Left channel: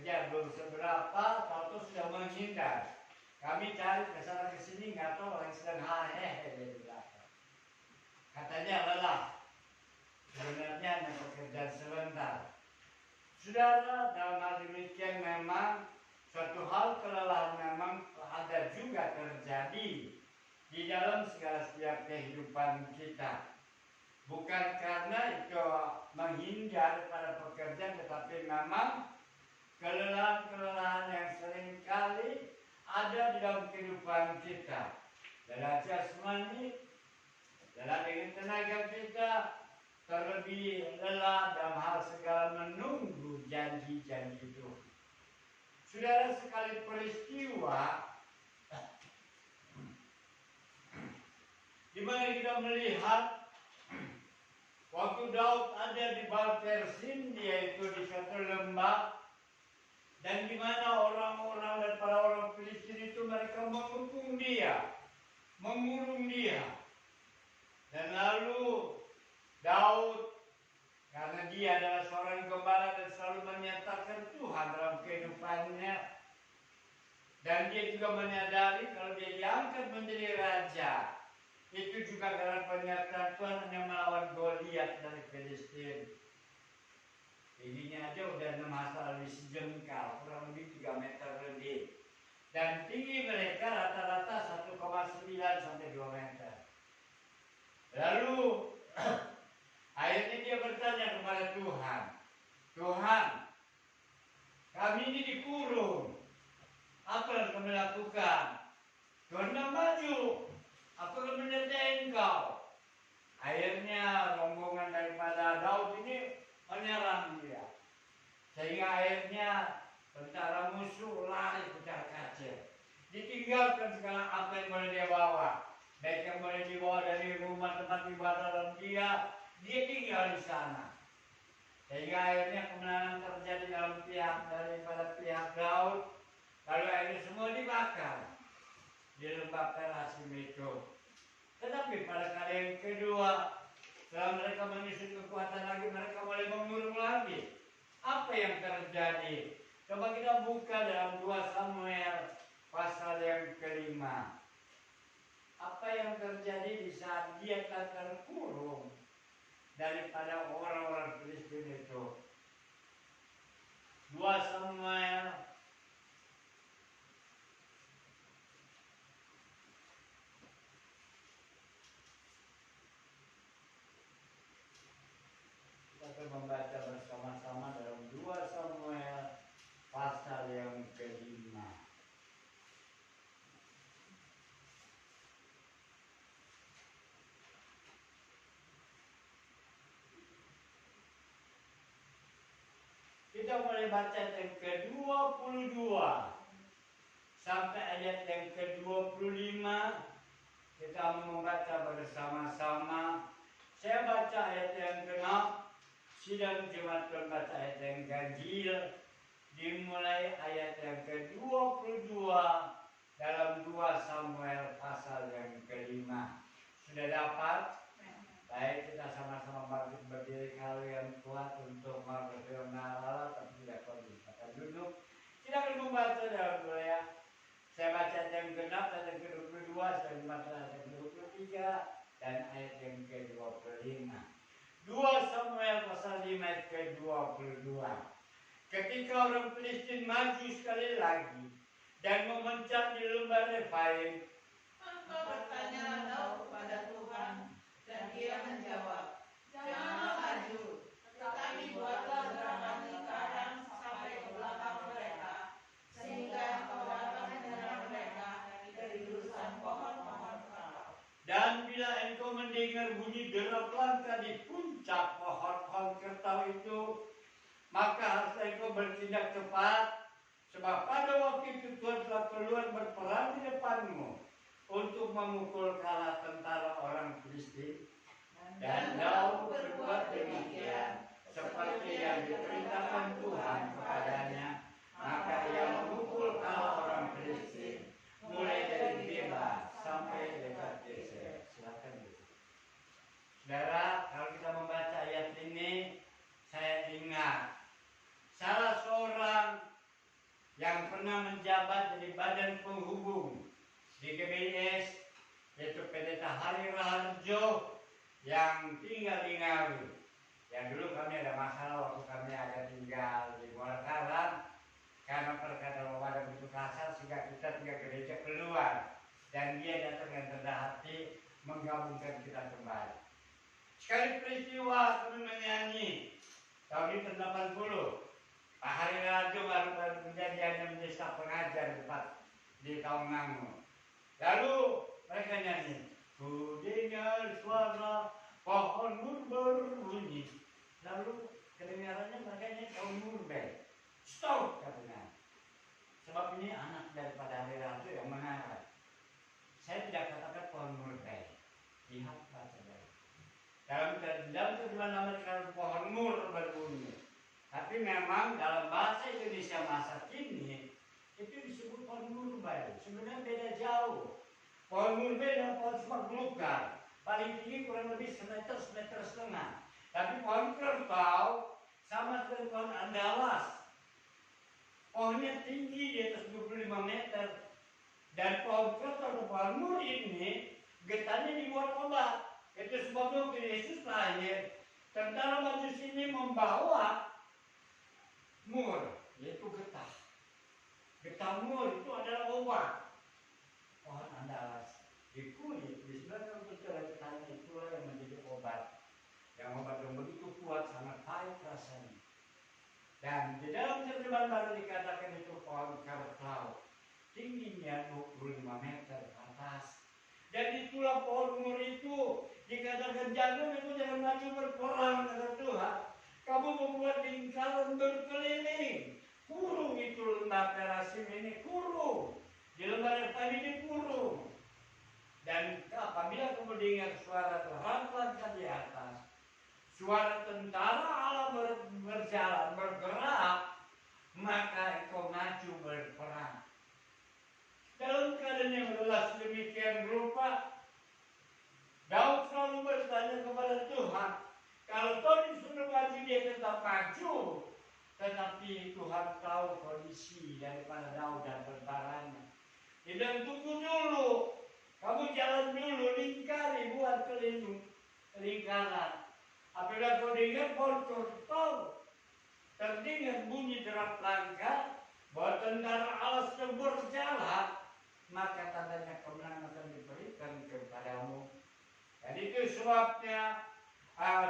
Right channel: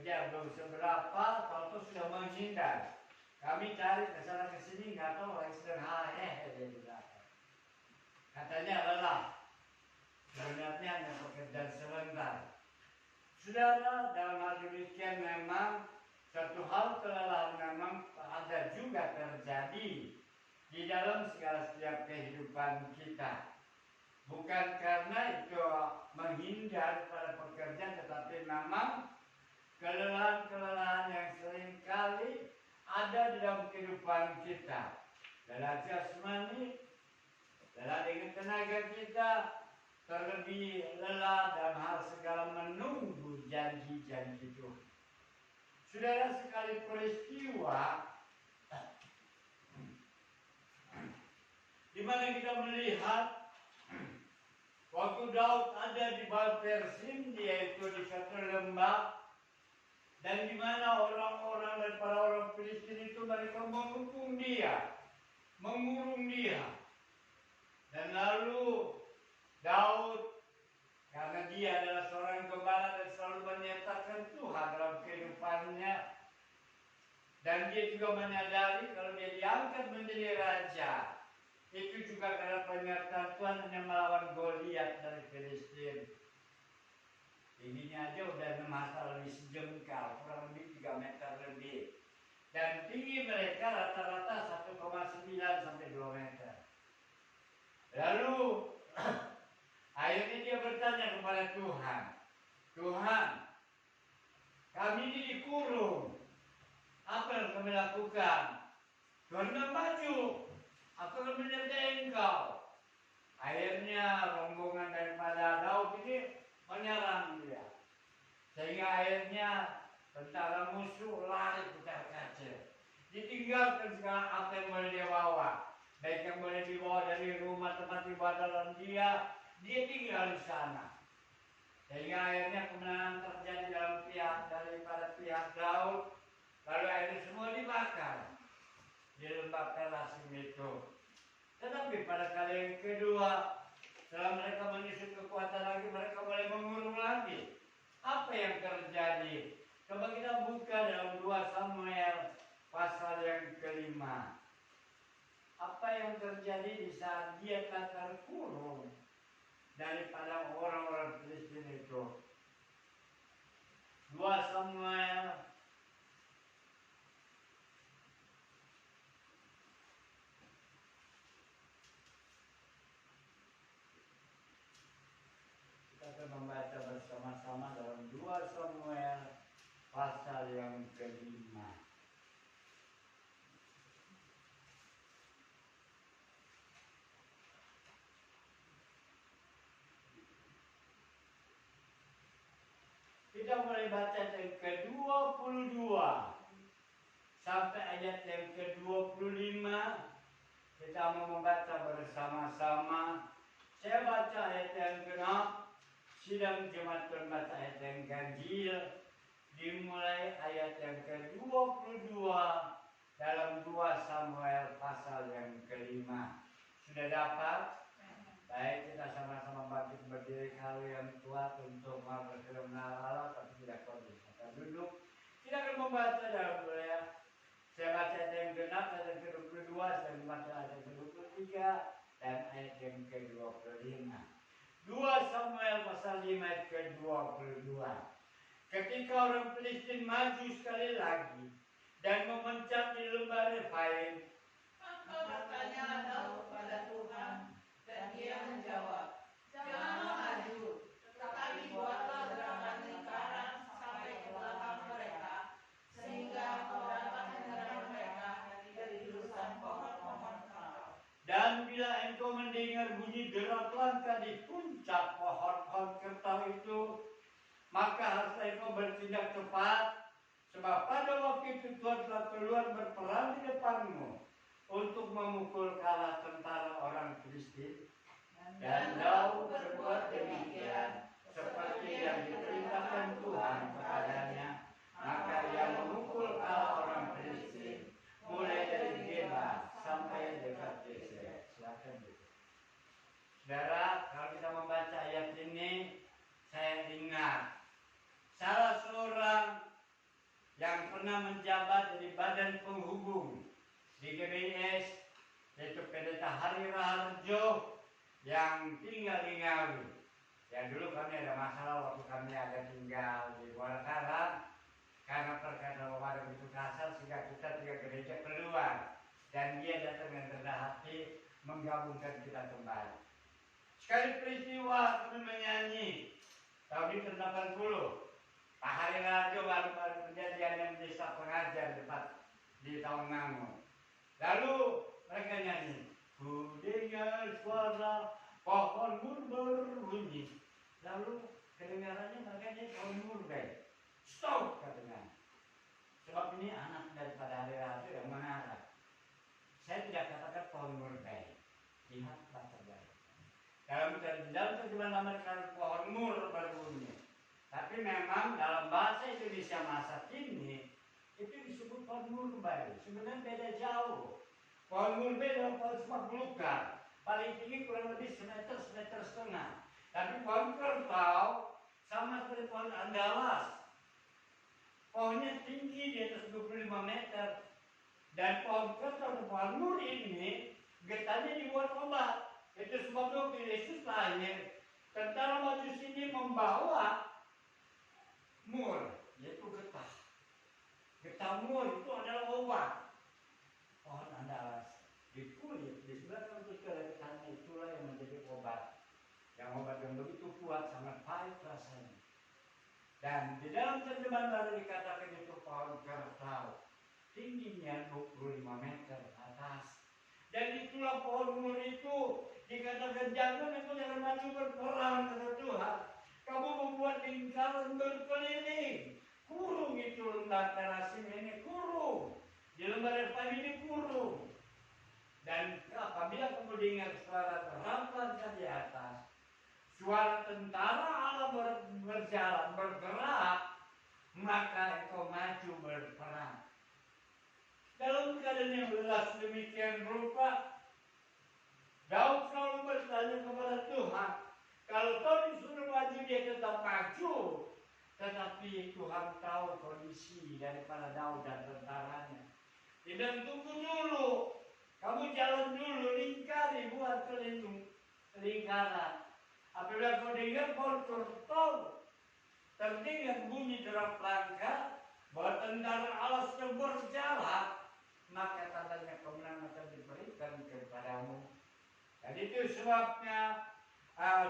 kerja belum seberapa, kalau sudah menghindar. Kami cari ke sana ke sini, nggak tahu orang sedang hehehe di belakang. Katanya lelah. Sebenarnya hanya pekerjaan sebentar. Saudara, dalam hal demikian memang suatu hal kelelahan memang ada juga terjadi di dalam segala setiap kehidupan kita. Bukan karena itu menghindar pada pekerjaan, tetapi memang kelelahan-kelelahan yang seringkali ada di dalam kehidupan kita. Dalam jasmani, dalam dengan tenaga kita, terlebih lelah dalam hal segala menunggu janji-janji Tuhan. Saudara, sekali peristiwa di mana kita melihat waktu Daud ada di Baal-Persim, yaitu di satu lembah, dan di mana orang-orang dan para orang Filistin itu mereka mengepung dia, mengurung dia. Dan lalu Daud, karena dia adalah seorang gembala dan selalu menyertakan Tuhan dalam kehidupannya, dan dia juga menyadari kalau dia diangkat menjadi raja, itu juga karena penyertaan Tuhan yang melawan Goliat dari Filistin. Tingginya aja udah 6 hasta lebih sejengkal, kurang lebih 3 meter lebih. Dan tinggi mereka rata-rata 1,9 sampai 2 meter. Lalu akhirnya dia bertanya kepada Tuhan, Tuhan, kami ini dikurung, apa yang kami lakukan? Tuhan bilang, maju, aku akan menyertai engkau. Akhirnya rombongan daripada Daud ini menyerang dia, sehingga akhirnya tentara musuh lari putar kacir. Ditinggalkan segala apa yang boleh dia bawa, baik yang boleh dibawa dari rumah tempat ibadah dalam dia tinggal di sana. Sehingga akhirnya kemenangan terjadi dalam daripada pihak Daud. Lalu akhirnya semua dibakar di lembah Perasim itu. Tetapi pada kali yang kedua, setelah mereka menyusun kekuatan lagi, mereka mulai mengurung lagi. Apa yang terjadi? Coba kita buka dalam 2 Samuel pasal yang ke-5. Apa yang terjadi di saat dia telah terkurung daripada orang-orang Filistin itu? 2 Samuel kita akan membaca bersama-sama dalam 2 Samuel pasal yang ke-5. Kita mulai baca yang ke-22 sampai ayat yang ke-25. Kita mau membaca bersama-sama. Saya baca ayat yang ke-6, sidang jemaat Tuhan baca ayat yang ganjil, dimulai ayat yang ke-22 dalam 2 Samuel pasal yang ke-5. Sudah dapat? Baik, kita sama-sama bangkit berdiri kalau yang kuat untuk berfirman Allah, tapi tidak kuat kita duduk. Kita akan membaca dalam doa. Saya baca ayat yang ke-6, ayat yang ke-22, saya membaca ayat yang ke-23 dan ayat yang ke-25. 2 Samuel pasal 5 ayat ke-22. Ketika orang Filistin maju sekali lagi dan memencak di lembah Refaim, maka bertanya Daud kepada Tuhan, dan dia menjawab, janganlah maju, tetapi buatlah gerangan lingkaran sampai ke belakang mereka, sehingga kau dapat menyerang mereka dari jurusan pohon-pohon kerau. Dan bila engkau mendengar bunyi derap langkah di puncak pohon-pohon kertau itu, maka haruslah engkau bertindak cepat, sebab pada waktu itu Tuhan telah keluar berperang di depanmu untuk memukul kalah tentara orang Filistin. Dan Daud berbuat demikian seperti yang diperintahkan Tuhan kepadanya, maka ia memukul kalah orang Filistin mulai dari Geba sampai dekat Geser. Silakan Bu. Saudara, kalau kita membaca ayat ini, saya ingat salah seorang pernah menjabat jadi badan penghubung di GBIS, yaitu Pendeta Hari Raharjo yang tinggal di Ngawi. Yang dulu kami ada masalah waktu kami ada tinggal di Muara Karang, karena perkataan Bapak begitu kasar sehingga kita tinggal gereja keluar, dan dia datang dengan rendah hati menggabungkan kita kembali. Sekali peristiwa kami menyanyi tahun 80, Pak Hari Raharjo baru kejadian yang menjadi staf pengajar di Tawangangun. Lalu mereka nyanyi, ku dengar suara pohon mur berbunyi. Lalu kedengarannya mereka nyanyi pohon murbe. Stop katanya. Sebab ini anak daripada Hari Raharjo yang mengarah. Saya tidak katakan pohon murbe. Lihat baca dalam terjemahan Amerika pohon mur berbunyi. Tapi memang dalam bahasa Indonesia masa kini itu disebut pohon murbe. Sebenarnya beda jauh. Pohon murbe dan pohon semak belukar paling tinggi kurang lebih semeter setengah. Tapi pohon kerbau sama seperti pohon andalas. Pohonnya tinggi di atas 25 meter. Dan pohon kerbau atau pohon mur ini getahnya dibuat obat. Itu sebabnya Yesus lahir. Tentara Majus ini membawa mur, yaitu getah. Getah mur itu adalah obat. Pohon andalas di kulit, di sebelah itu ada getahnya, itulah yang menjadi obat. Yang obat yang begitu kuat, sangat pahit rasanya. Dan di dalam terjemahan baru dikatakan itu pohon kerbau, tingginya 25 meter atas. Dan itulah pohon mur itu dikatakan jagung itu jangan maju berperang, kata Tuhan. Kamu membuat lingkaran berkeliling. Kurung itu lembah Perasim ini, kurung. Di lembah Reptan ini kurung. Dan apabila kamu dengar suara terampangkan di atas, suara tentara Allah berjalan, bergerak, maka engkau maju berperang. Dalam keadaan yang lelah sedemikian rupa, Daud selalu bertanya kepada Tuhan, kalau kau disuruh maju dia tetap maju. Tetapi Tuhan tahu kondisi daripada Daud dan tentaranya. Dia bilang, tunggu dulu, kamu jalan dulu, lingkari, buat keliling lingkaran. Apabila kau dengar pohon kerbau, terdengar bunyi derap langkah, bahwa tentara Allah sedang berjalan, maka tandanya kemenangan akan diberikan kepadamu. Dan itu sebabnya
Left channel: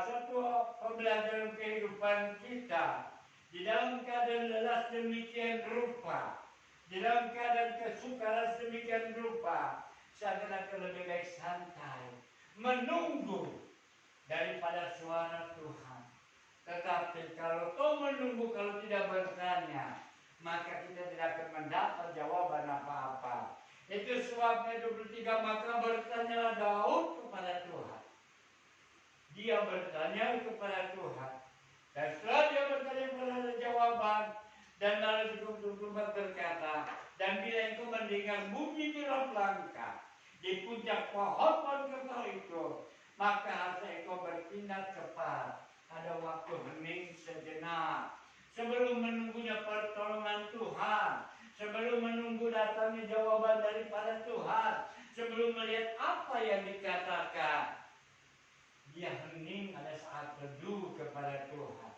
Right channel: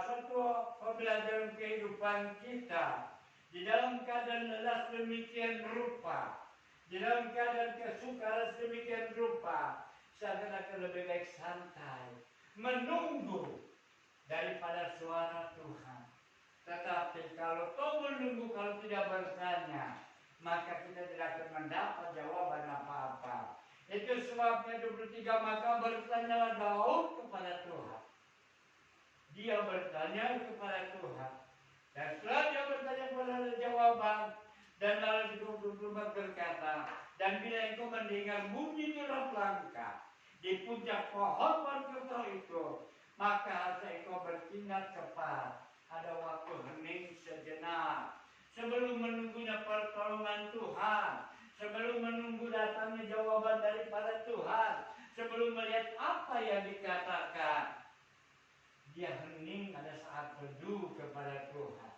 suatu pembelajaran kehidupan kita di dalam keadaan lelah sedemikian rupa, di dalam keadaan kesukaran sedemikian rupa, seakan-akan lebih baik santai, menunggu daripada suara Tuhan. Tetapi kalau kau menunggu, kalau tidak bertanya, maka kita tidak akan mendapat jawaban apa-apa. Itu sebabnya 23, maka bertanyalah Daud kepada Tuhan. Dia bertanya kepada Tuhan. Dan setelah dia bertanya kepada jawaban, dan lalu 24 berkata, dan bila engkau mendengar bunyi derap langkah di puncak pohon kerbau itu, maka harusnya engkau bertindak cepat. Ada waktu hening sejenak sebelum menunggunya pertolongan Tuhan, sebelum menunggu datangnya jawaban daripada Tuhan, sebelum melihat apa yang dikatakan. Dia hening, ada saat teduh kepada Tuhan.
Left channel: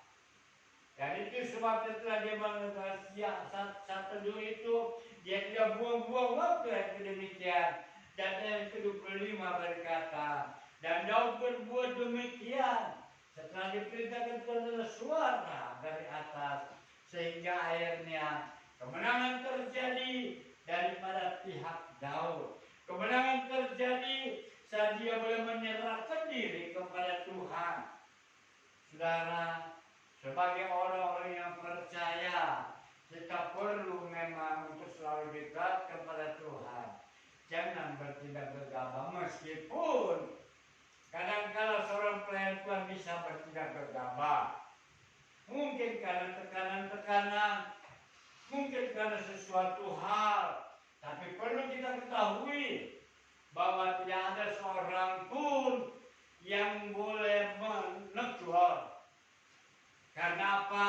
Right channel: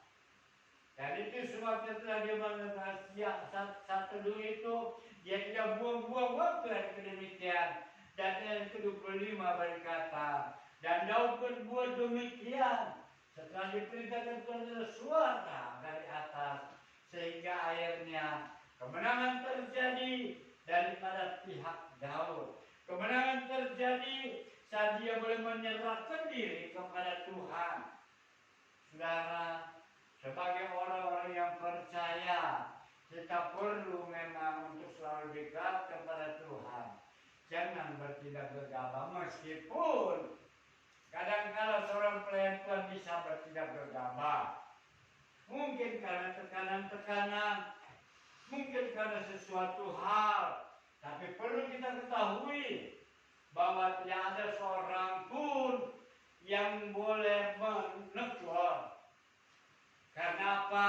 Dan itu sebabnya setelah dia mengatakan saat teduh itu, dia tidak buang-buang waktu yang demikian. Dan yang ke-25 berkata, dan Daud berbuat demikian setelah diperintahkan kepada suara dari atas, sehingga akhirnya kemenangan terjadi daripada pihak Daud. Kemenangan terjadi saat dia boleh menyerahkan diri kepada Tuhan. Saudara, sebagai orang-orang yang percaya, kita perlu memang untuk selalu dekat kepada Tuhan. Jangan bertindak gegabah, meskipun kadang-kala seorang pelayan Tuhan bisa bertindak gegabah. Mungkin karena tekanan-tekanan, mungkin karena sesuatu hal. Tapi perlu kita ketahui bahwa tidak ada seorang pun yang boleh menegur. Karena apa?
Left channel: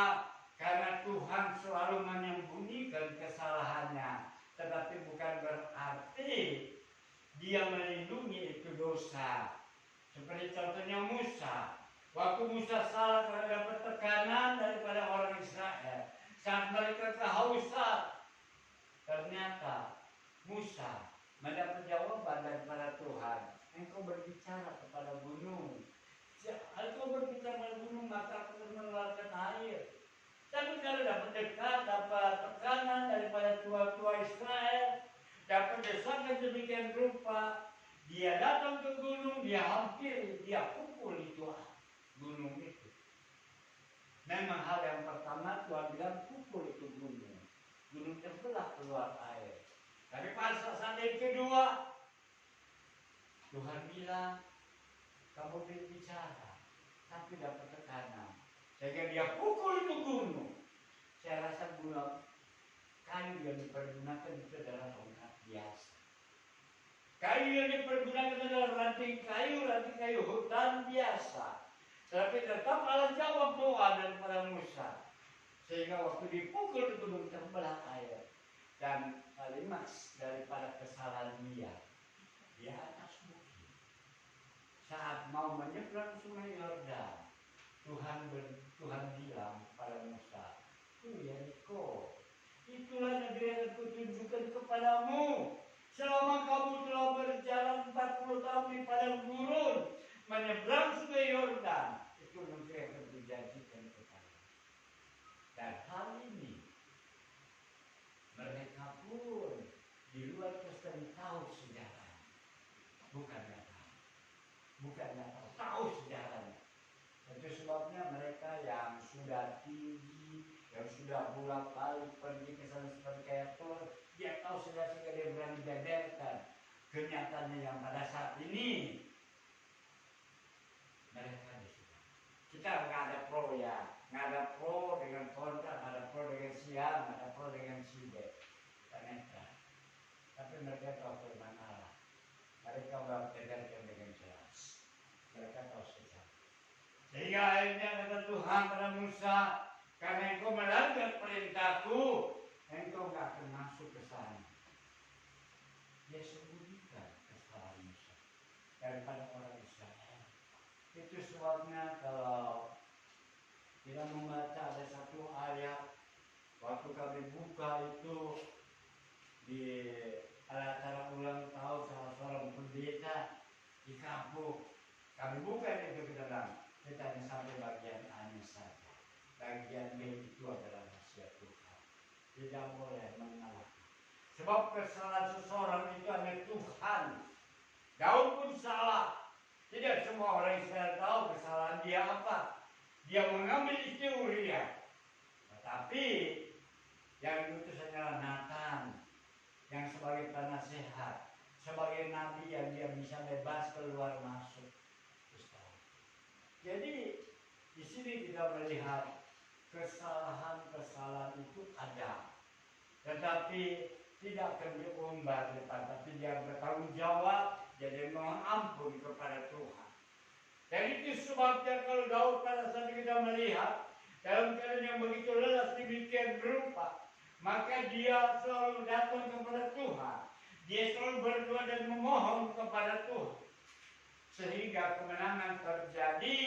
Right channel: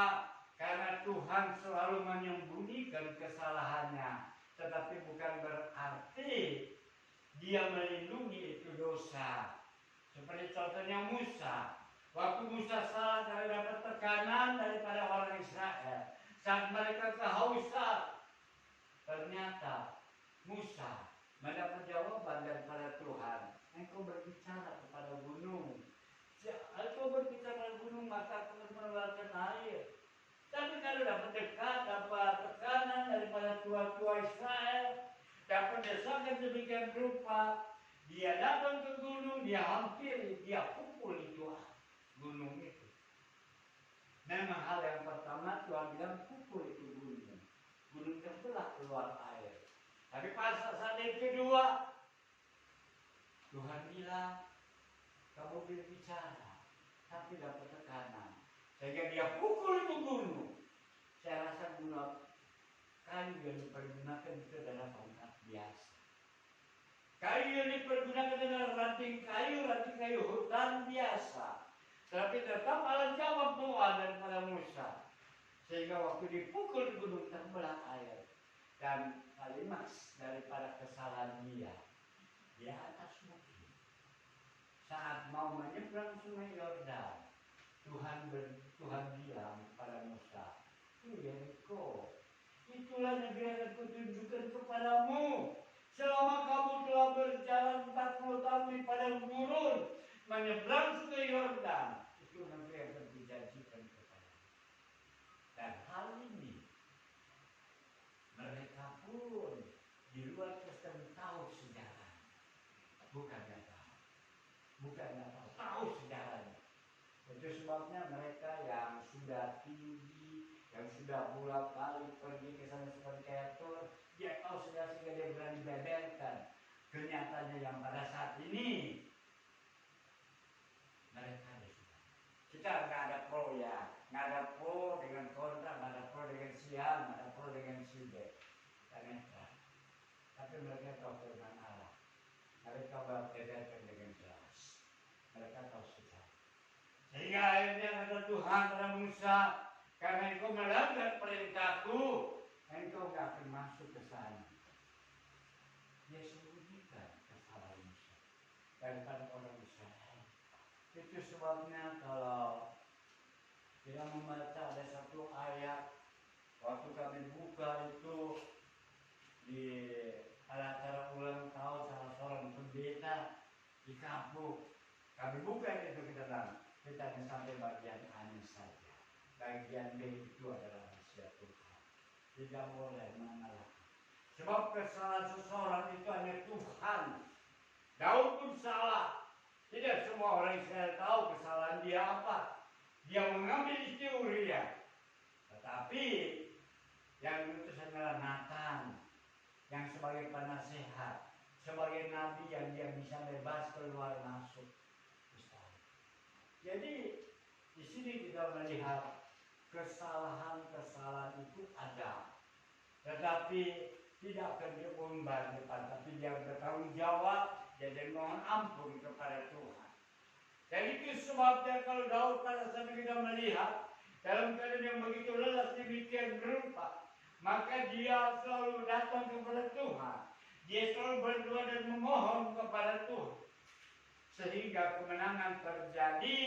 Karena Tuhan selalu menyembunyikan kesalahannya, tetapi bukan berarti dia melindungi itu dosa. Seperti contohnya Musa. Waktu Musa salah karena dapat tekanan daripada orang Israel, saat mereka kehausan, ternyata Musa mendapat jawaban daripada Tuhan. Engkau berbicara kepada gunung. Engkau berbicara gunung, maka aku mengeluarkan air. Tapi kalau dapat tekanan daripada tua-tua Israel, dapat desakan demikian rupa, dia datang ke gunung, dia hampiri, dia pukul itu gunung itu. Memang hal yang pertama Tuhan bilang pukul itu gunung. Gunung terbelah keluar air. Tapi pada saat yang kedua, Tuhan bilang, kamu berbicara, tapi dapat tekanan. Sehingga dia pukul itu gunung. Saya rasa gunung kayu yang dipergunakan itu adalah tongkat biasa. Kayu yang dipergunakan adalah ranting kayu hutan biasa. Tapi tetap Allah jawab doa daripada Musa. Sehingga waktu dipukul di gunung terbelah air. Dan klimaks daripada kesalahan dia di atas bukit. Saat mau menyeberang sungai Yordan, Tuhan bilang pada Musa, Yeriko, itulah negeri yang aku tunjukkan kepadamu. Selama kamu telah berjalan 40 tahun di padang gurun, menyeberang sungai Yordan, itu negeri yang akan kujanjikan kepadamu. Dan hal ini, mereka pun di luar Kristen tahu sejarah, bukannya tahu sejarahnya. Itu sebabnya mereka yang sudah tinggi, yang sudah bolak-balik pergi ke sana seperti kayak Thor, dia tahu sudah sehingga dia berani beberkan. Kenyataannya yang pada saat ini mereka sudah. Kita nggak ada pro ya, nggak ada pro dengan kontra, nggak ada pro dengan siang, nggak ada pro dengan side. Kita netral. Tapi mereka tahu firman Allah. Mereka beberkan dengan jelas. Mereka tahu sejarah. Sehingga akhirnya kata Tuhan kepada Musa, karena engkau melanggar perintahku, engkau gak akan masuk ke sana. Dia sembunyikan kesalahan Musa daripada orang Israel. Itu sebabnya kalau kita membaca ada satu ayat, waktu kami buka itu di acara ulang tahun salah seorang pendeta di kampung, kami buka itu kita bilang, kita hanya sampai bagian A-nya saja. Bagian B itu adalah rahasia Tuhan. Tidak boleh mengalahkan. Sebab kesalahan seseorang itu hanya Tuhan. Daud pun salah. Tidak semua orang Israel tahu kesalahan dia apa. Dia mengambil istri Uria. Tetapi yang diutus adalah Nathan, yang sebagai penasehat, sebagai nabi yang dia bisa bebas keluar masuk. Jadi di sini kita melihat kesalahan-kesalahan itu ada, tetapi tidak akan diumbar depan, tapi dia bertanggung jawab, jadi mohon ampun kepada Tuhan. Dan itu sebabnya kalau Daud pada saat kita melihat dalam keadaan yang begitu lelah demikian berupa, maka dia selalu datang kepada Tuhan. Dia selalu berdoa dan memohon kepada Tuhan. Sehingga kemenangan terjadi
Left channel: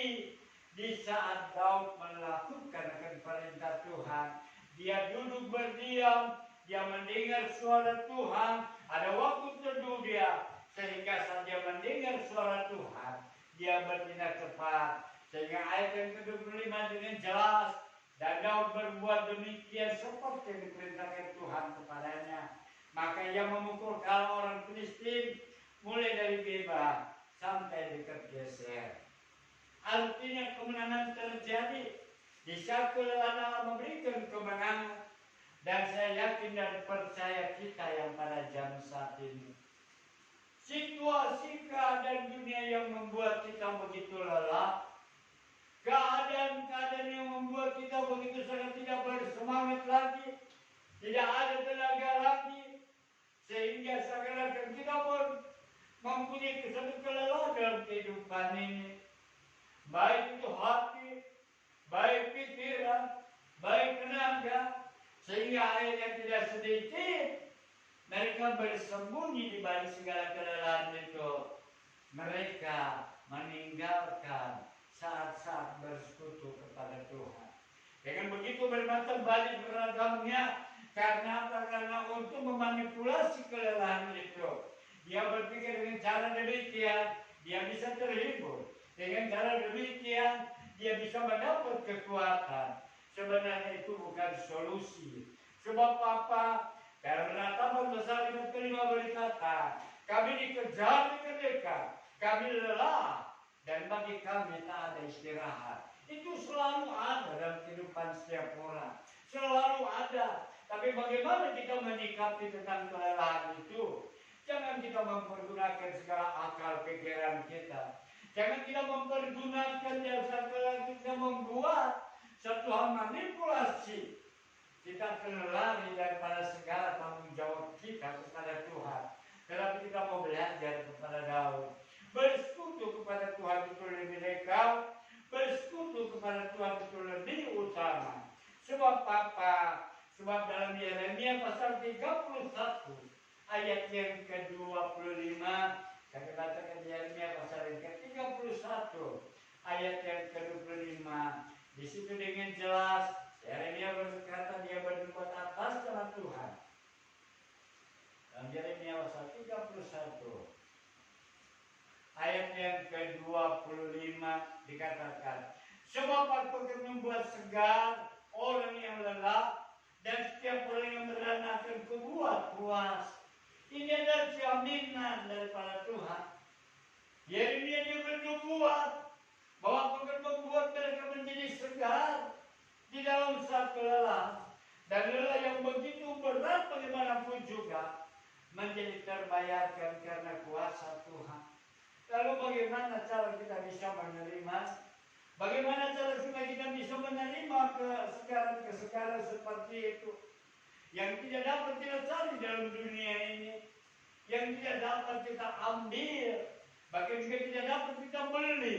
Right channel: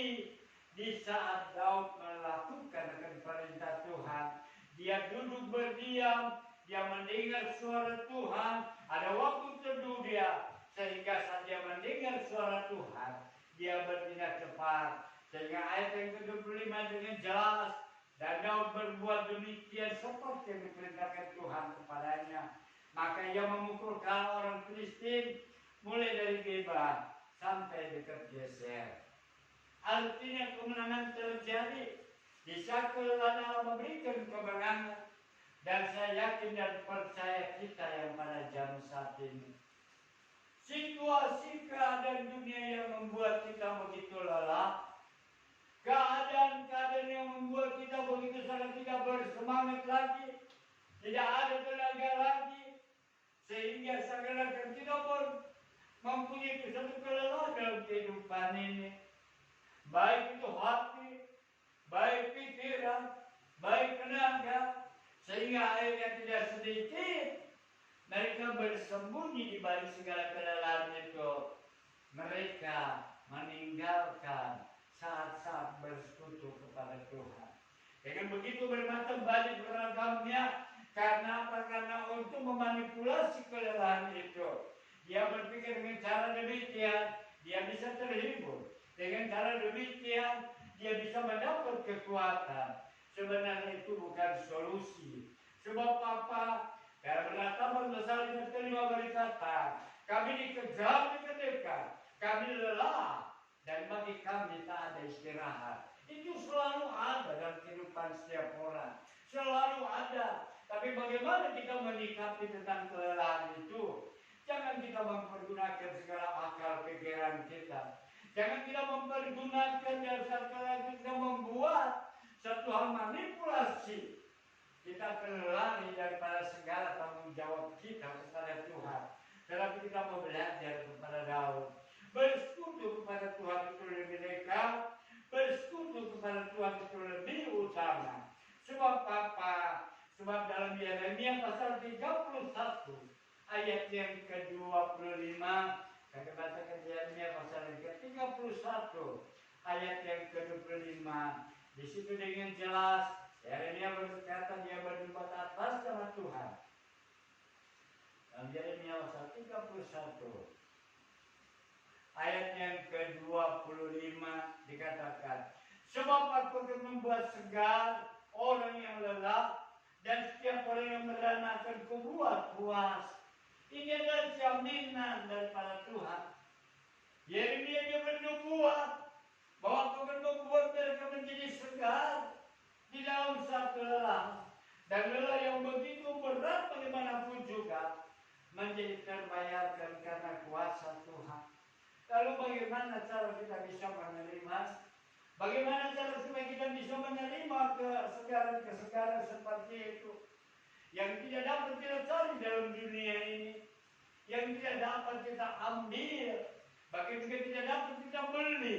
di saat Daud melakukan perintah Tuhan. Dia duduk berdiam, dia mendengar suara Tuhan. Ada waktu teduh dia, sehingga saat dia mendengar suara Tuhan, dia bertindak cepat. Sehingga ayat yang ke-25 dengan jelas, dan Daud berbuat demikian seperti yang diperintahkan Tuhan kepadanya. Maka ia memukul orang Filistin mulai dari Geba sampai dekat Geser. Artinya kemenangan terjadi di saat Allah memberikan kemenangan. Dan saya yakin dan percaya kita yang pada jam saat ini, situasi keadaan dunia yang membuat kita begitu lelah, keadaan-keadaan yang membuat kita begitu sangat tidak bersemangat lagi, tidak ada tenaga lagi, sehingga seakan-akan kita pun mempunyai satu kelelahan dalam kehidupan ini. Baik itu hati, baik pikiran, baik tenaga, Sehingga akhirnya tidak sedikit mereka bersembunyi di balik segala kelelahan itu. Mereka meninggalkan saat-saat bersekutu kepada Tuhan. Dengan begitu bermacam balik beragamnya. Karena apa? Karena untuk memanipulasi kelelahan itu. Dia berpikir dengan cara demikian, dia bisa terhibur. Dengan cara demikian, dia bisa mendapat kekuatan. Sebenarnya itu bukan solusi. Sebab apa? Karena Taman Besar ayat kelima berkata, kami dikejar dengan dekat, kami lelah, dan bagi kami tak ada istirahat. Itu selalu ada dalam kehidupan setiap orang. Selalu ada. Tapi bagaimana kita menyikapi tentang kelelahan itu? Jangan kita mempergunakan segala akal pikiran kita. Jangan kita mempergunakan jasa kelelahan kita membuat satu hal manipulasi. Kita akan lari daripada segala tanggung jawab kita kepada Tuhan. Tetapi kita mau belajar kepada Daud. Bersekutu kepada Tuhan itu lebih dekat. Bersekutu kepada Tuhan itu lebih utama. Sebab apa? Sebab dalam Yeremia pasal 31 ayat yang ke-25, kami bacakan Yeremia pasal yang ke-31 ayat yang ke-25. Di situ dengan jelas Yeremia berkata dia berbuat atas nama Tuhan. Dalam Yeremia pasal 31 ayat yang ke-25 dikatakan, sebab aku akan membuat segar orang yang lelah dan setiap orang yang merana akan kubuat puas. Ini adalah jaminan daripada Tuhan. Yeremia dia bernubuat bahwa aku akan membuat mereka menjadi segar di dalam satu lelah, dan lelah yang begitu berat bagaimanapun juga menjadi terbayarkan karena kuasa Tuhan. Lalu bagaimana cara kita bisa menerima? Bagaimana cara supaya kita bisa menerima kesegaran seperti itu? Yang tidak dapat kita cari dalam dunia ini, yang tidak dapat kita ambil, bahkan juga tidak dapat kita beli.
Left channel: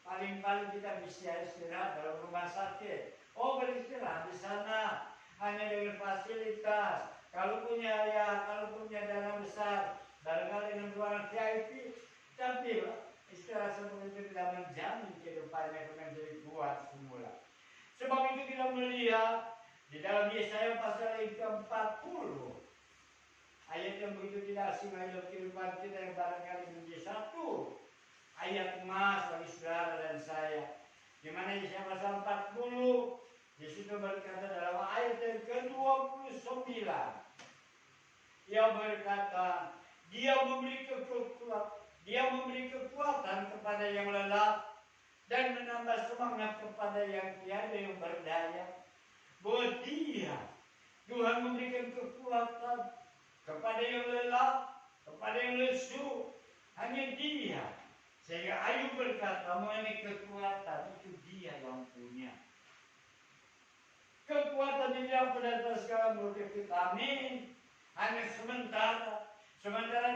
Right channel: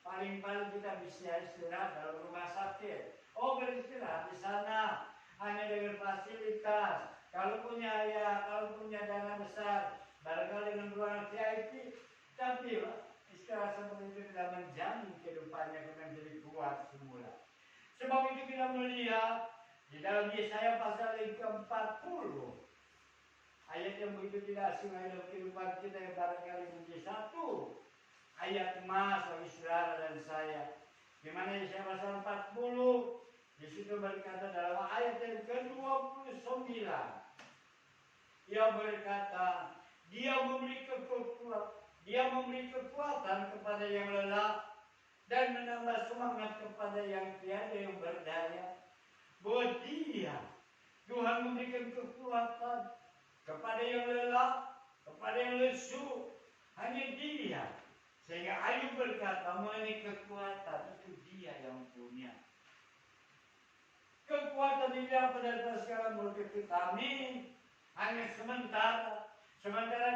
Paling-paling kita bisa istirahat dalam rumah sakit. Oh, beristirahat di sana hanya dengan fasilitas. Kalau punya kalau punya dana besar, barangkali dengan ruangan VIP, tapi istirahat seperti itu tidak menjamin kehidupannya menjadi kuat semula. Sebab itu kita melihat di dalam Yesaya pasal yang ke-40 ayat yang begitu tidak asing dalam kehidupan kita yang barangkali menjadi satu ayat emas bagi saudara dan saya. Di mana Yesaya pasal 40 di situ berkata dalam ayat yang ke-29, ia berkata, dia memberi kekuatan kepada yang lelah dan menambah semangat kepada yang tiada yang berdaya. Bahwa Tuhan memberikan kekuatan kepada yang lelah, kepada yang lesu, hanya Dia. Sehingga Ayub berkata, mengenai kekuatan itu Dia yang punya. Kekuatan ini yang pada segala multivitamin hanya sementara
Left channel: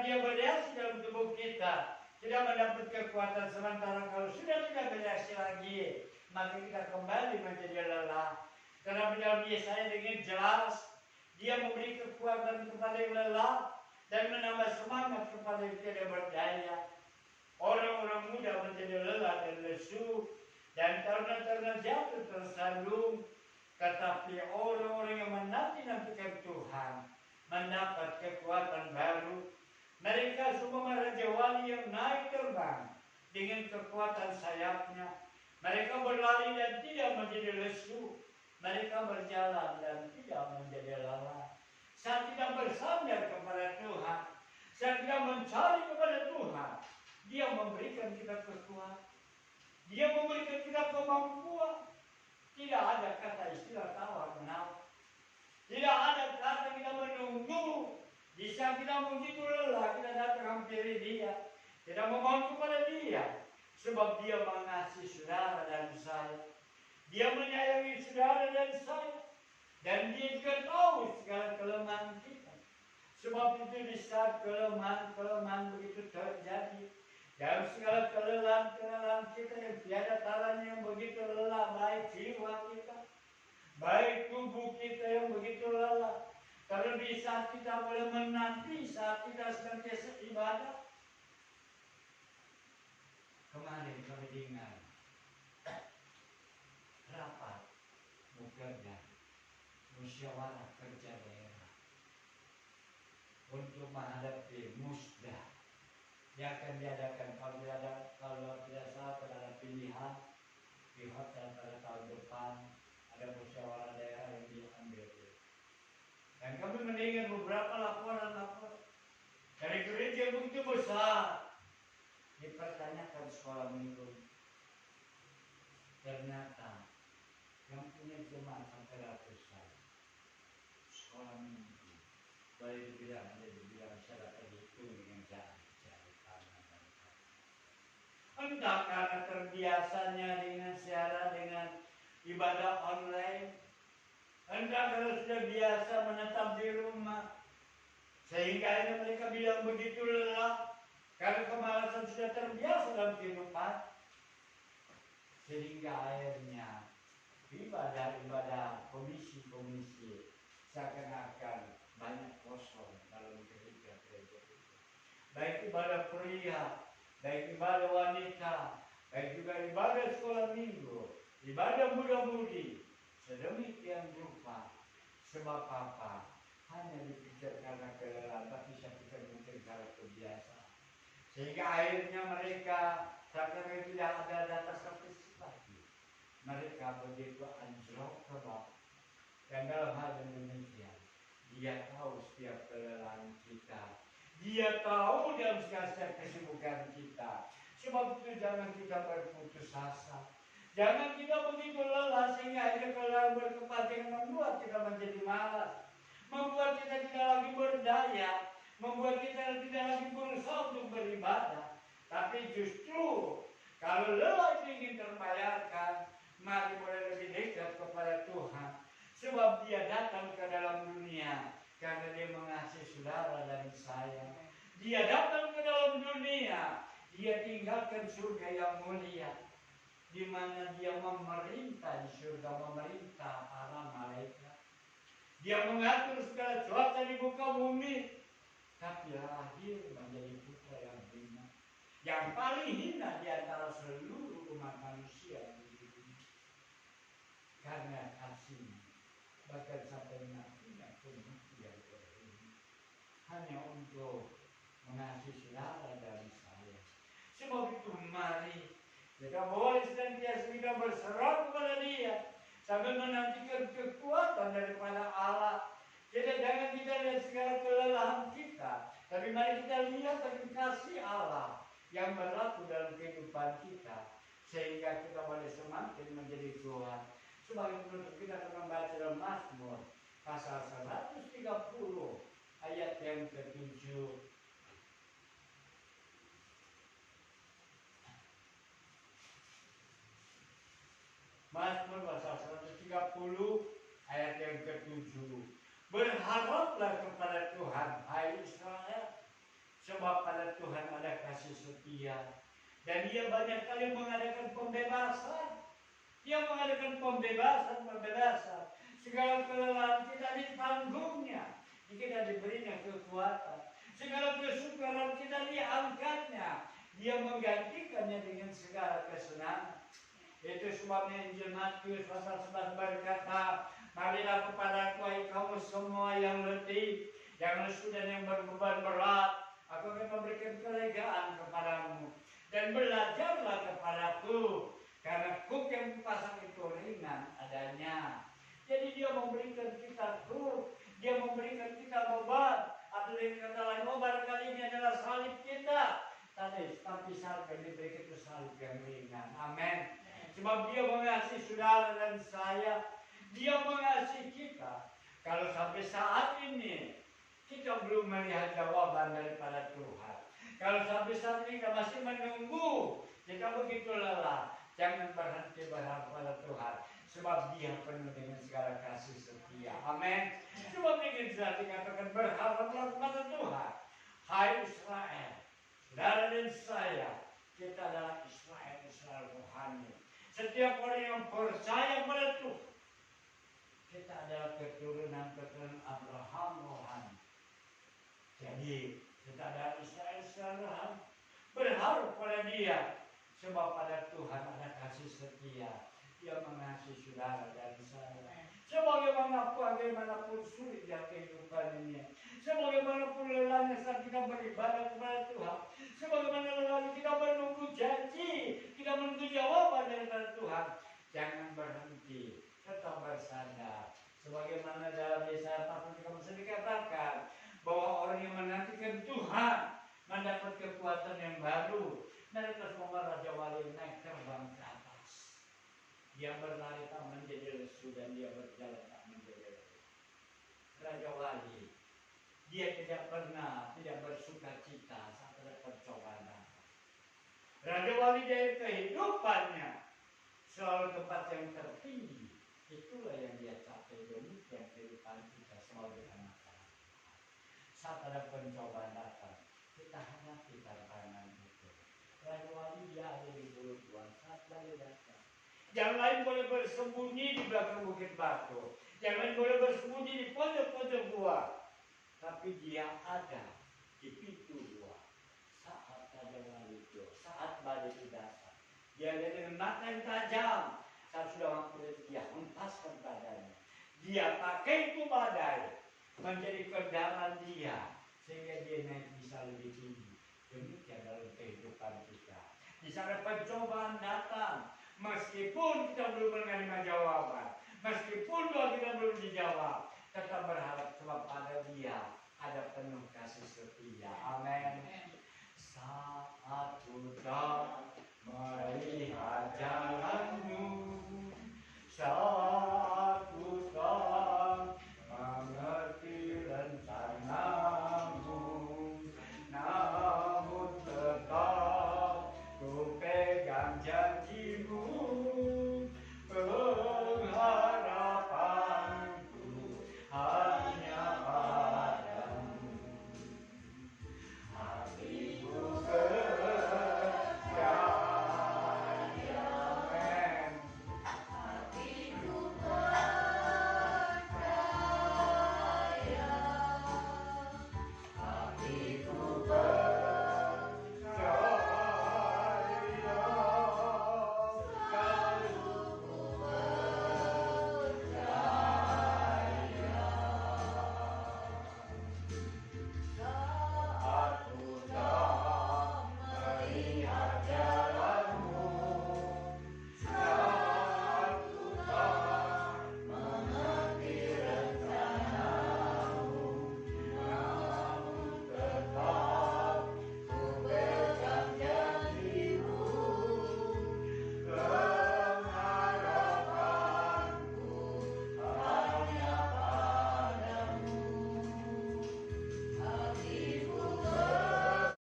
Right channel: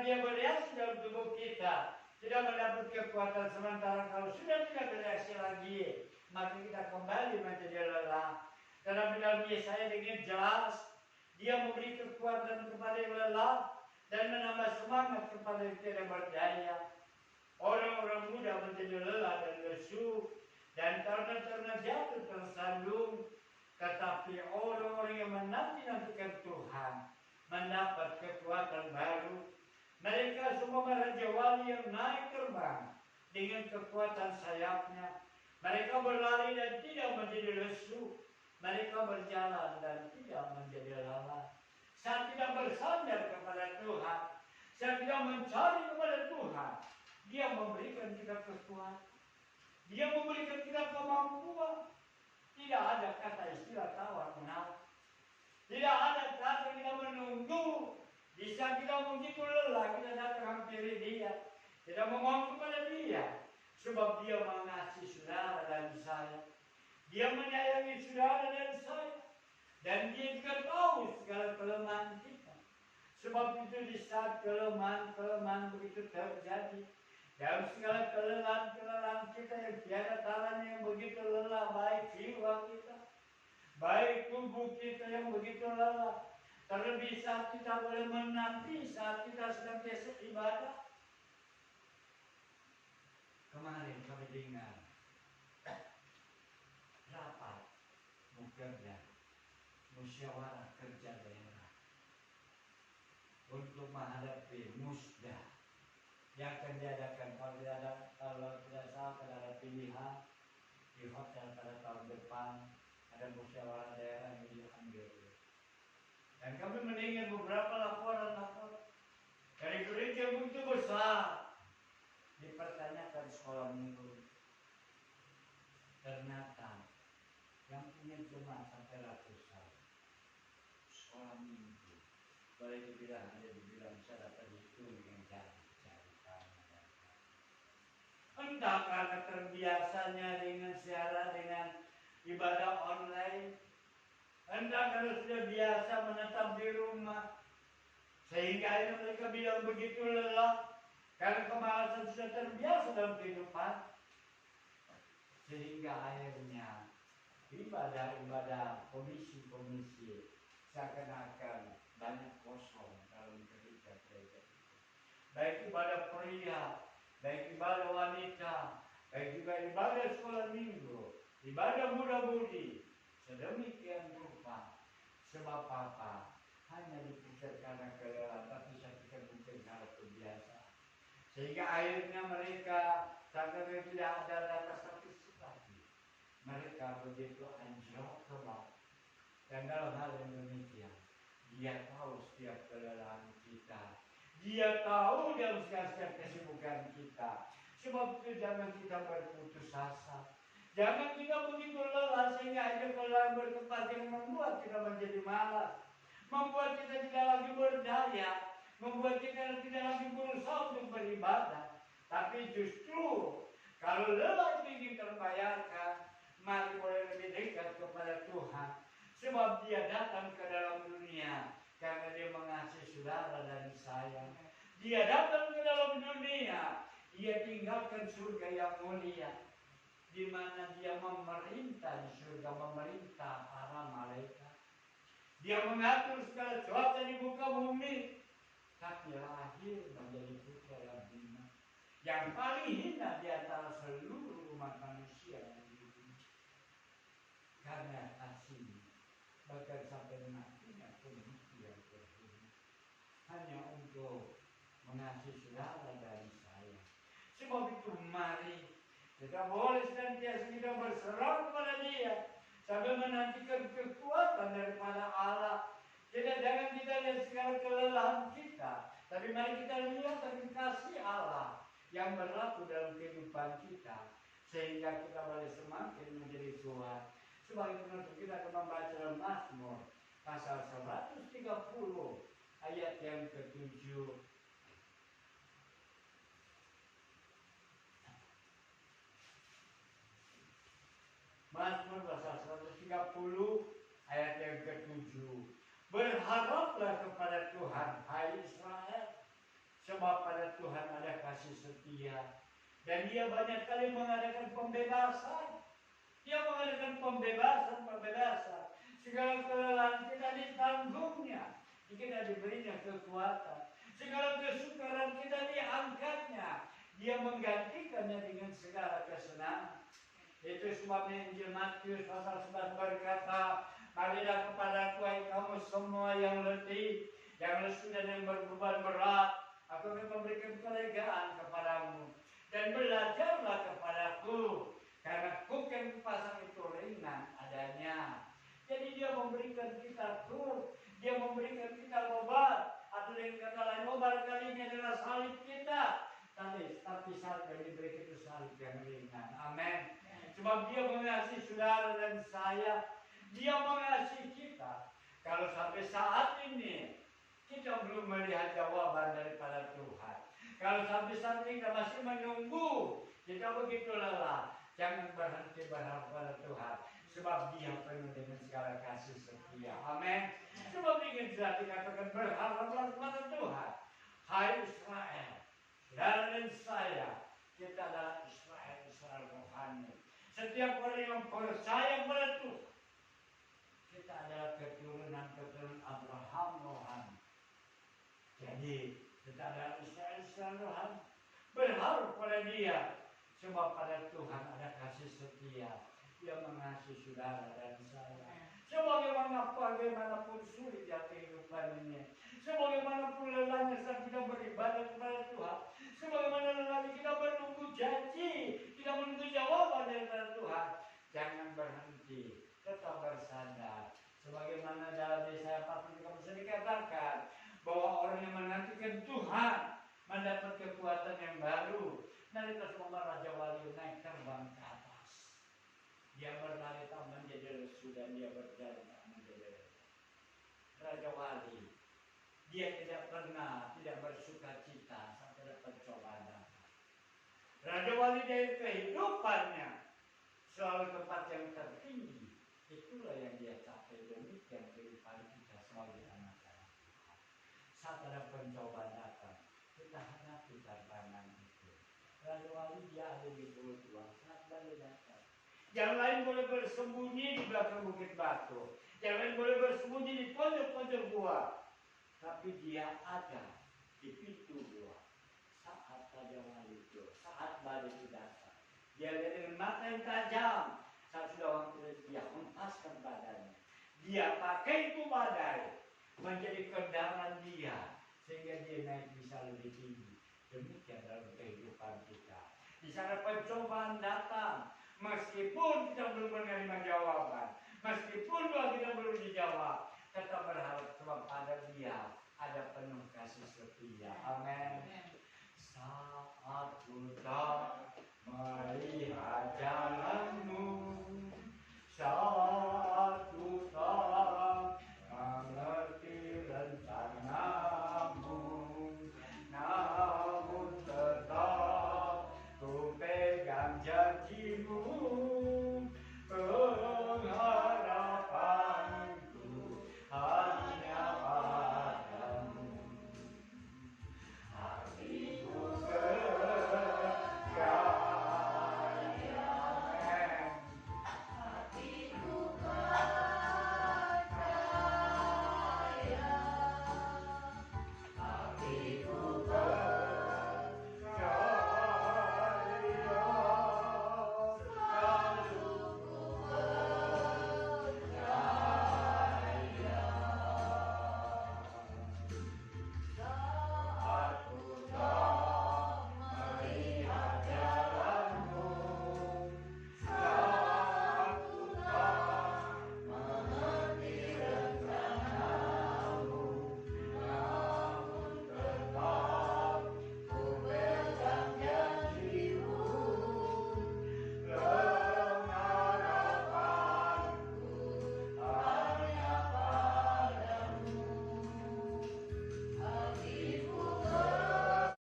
dia bereaksi dalam tubuh kita, tidak mendapat kekuatan sementara. Kalau sudah tidak bereaksi lagi, maka kita kembali menjadi lelah. Tetapi dalam Yesaya dengan jelas, dia memberi kekuatan kepada yang lelah dan menambah semangat kepada yang tidak berdaya. Orang-orang muda menjadi lelah dan lesu, dan terna-terna jatuh tersandung. Tetapi orang-orang yang menanti-nantikan Tuhan mendapat kekuatan baru. Mereka semua Raja Wali yang naik terbang dengan kekuatan sayapnya. Mereka berlari dan tidak menjadi lesu. Mereka berjalan dan tidak menjadi lelah. Saat kita bersandar kepada Tuhan, saat kita mencari kepada Tuhan, Dia memberikan kita kekuatan. Dia memberikan kita kemampuan. Tidak ada kata istilah tawar-menawar. Tidak ada kata kita menunggu. Di saat kita begitu lelah, kita datang hampiri Dia. Kita memohon kepada Dia. Sebab Dia mengasihi saudara dan saya. Dia menyayangi saudara dan saya. Dan Dia juga tahu segala kelemahan kita. Sebab itu di saat kelemahan begitu terjadi, dalam segala kelelahan kita yang tiada taranya yang begitu lelah, baik jiwa kita, baik tubuh kita yang Terlebih saat kita boleh menanti, saat kita senantiasa ibadah. Kemarin kami dengar rapat bekerja musyawarah kerja daerah untuk menghadapi musda yang akan diadakan kalau tidak salah pada pilihan di hotel pada tahun depan. Ada musyawarah daerah yang diambil. Dan kami mendengar beberapa laporan dari gereja begitu besar dipertanyakan sekolah minggu. Ternyata yang punya jemaat sampai ratusan sekolah minggu boleh dibilang bisa dapat dihitung dengan jari kanan dan kaki. Entah karena terbiasanya dengan siaran dengan ibadah online, entah karena sudah biasa menetap di rumah, sehingga akhirnya mereka bilang begitu lelah karena kemalasan sudah terbiasa dalam kehidupan, sehingga akhirnya ibadah-ibadah komisi-komisi seakan-akan banyak kosong dalam gereja itu. Baik ibadah pria, baik ibadah wanita, baik juga ibadah sekolah minggu, ibadah muda-mudi, sedemikian rupa. Sebab apa? Hanya dipikir karena kelelahan, tapi saya pikir mungkin karena kebiasaan. Sehingga akhirnya mereka sampai tidak ada data partisipasi. Mereka begitu anjlok ke bawah. Dan dalam hal yang demikian, dia tahu setiap kelelahan kita. Dia tahu dalam setiap kesibukan kita. Sebab itu jangan kita berputus asa. Jangan kita begitu lelah sehingga akhirnya kelelahan berkepat yang membuat kita menjadi malas. Membuat kita tidak lagi berdaya. Membuat kita tidak lagi berusaha untuk beribadah. Tapi justru kalau lelah itu ingin terbayarkan, mari boleh lebih dekat kepada Tuhan. Sebab dia datang ke dalam dunia karena dia mengasihi saudara dan saya. Dia datang ke dalam dunia, dia tinggalkan surga yang mulia, di mana dia memerintah di surga, memerintah para malaikat. Dia mengatur segala cuaca di muka bumi, tapi lahir menjadi putra yang hina, yang paling hina di antara seluruh umat manusia di dunia. Karena kasihnya, bahkan sampai matinya pembuktian terhina, hanya untuk mengasihi saudara dan saya. Sebab itu mari kita boleh senantiasa kita berserah kepada Dia sambil menantikan kekuatan daripada Allah. Jadi jangan kita lihat segala kelelahan kita, tapi mari kita lihat dengan kasih Allah yang berlaku dalam kehidupan kita, sehingga kita boleh semakin menjadi kuat. Sebagai penutup kita akan membaca dalam Mazmur pasal 130 ayat yang ke-7. Mazmur pasal 130 ayat yang ke-7. Berharaplah kepada Tuhan, hai Israel, sebab pada Tuhan ada kasih setia, dan Dia banyak kali mengadakan pembebasan. Dia mengadakan pembebasan. Segala kelelahan kita ditanggungnya, kita diberinya kekuatan. Segala kesukaran kita diangkatnya, Dia menggantikannya dengan segala kesenangan. Itu sebabnya Injil Matius pasal 11 berkata, marilah kepadaku hai kamu semua yang letih, yang lesu dan yang berbeban berat, aku akan memberikan kelegaan kepadamu. Dan belajarlah kepadaku, karena kuk yang dipasang itu ringan adanya. Jadi Dia memberikan kita kuk, Dia memberikan kita beban. Atau dengan kata lain, barangkali ini adalah salib kita, tapi salib yang diberikan itu salib yang ringan. Amin. Sebab Dia mengasihi saudara dan saya, Dia mengasihi kita. Kalau sampai saat ini kita belum melihat jawaban daripada Tuhan, kalau sampai saat ini kita masih menunggu, kita begitu lelah, jangan berhenti berharap pada Tuhan. Sebab Dia penuh dengan segala kasih setia. Amin. Sebab ingin sudah dikatakan berharaplah kepada Tuhan. Hai Israel, saudara dan saya, kita adalah Israel rohani. Setiap orang yang percaya pada Tuhan, kita adalah keturunan Abraham rohani. Jadi kita dalam Israel rohani berharap pada Dia, sebab pada Tuhan ada kasih setia. Dia mengasihi saudara dan saya. Bagaimanapun sulitnya kehidupan ini, sebagaimanapun lelahnya saat kita beribadah kepada Tuhan, sebagaimana lelahnya kita menunggu janji, kita menunggu jawaban daripada Tuhan, jangan berhenti, tetap bersandar. Sebagaimana dalam Yesaya 43 dikatakan bahwa orang yang menantikan Tuhan mendapat kekuatan yang baru. Mereka semua Raja Wali naik terbang ke atas. Dia berlari tak menjadi lesu dan dia berjalan tak menjadi lesu. Raja Wali, dia tidak bersuka cita saat ada pencobaan. Raja Wali dari kehidupannya selalu tempat yang tertinggi. Itulah yang dia capai, demikian kehidupan kita sebagai anak-anak. Saat ada pencobaan datang, kita hadapi tantangan itu. Raja Wali dia ada di Pulau Tua saat badai datang. Yang lain boleh bersembunyi di belakang bukit batu. Yang lain boleh bersembunyi di pojok-pojok gua. Tapi dia ada di pintu gua. Saat Raja Wali itu, saat badai itu datang. Dia lihat dengan mata yang tajam. Saat sudah waktu dia hempaskan badannya. Dia pakai itu badai menjadi kendaraan dia. Sehingga dia naik bisa lebih tinggi. Demikian dalam kehidupan kita. Di sana pencobaan datang. Meskipun kita belum menerima jawaban, meskipun doa kita belum dijawab,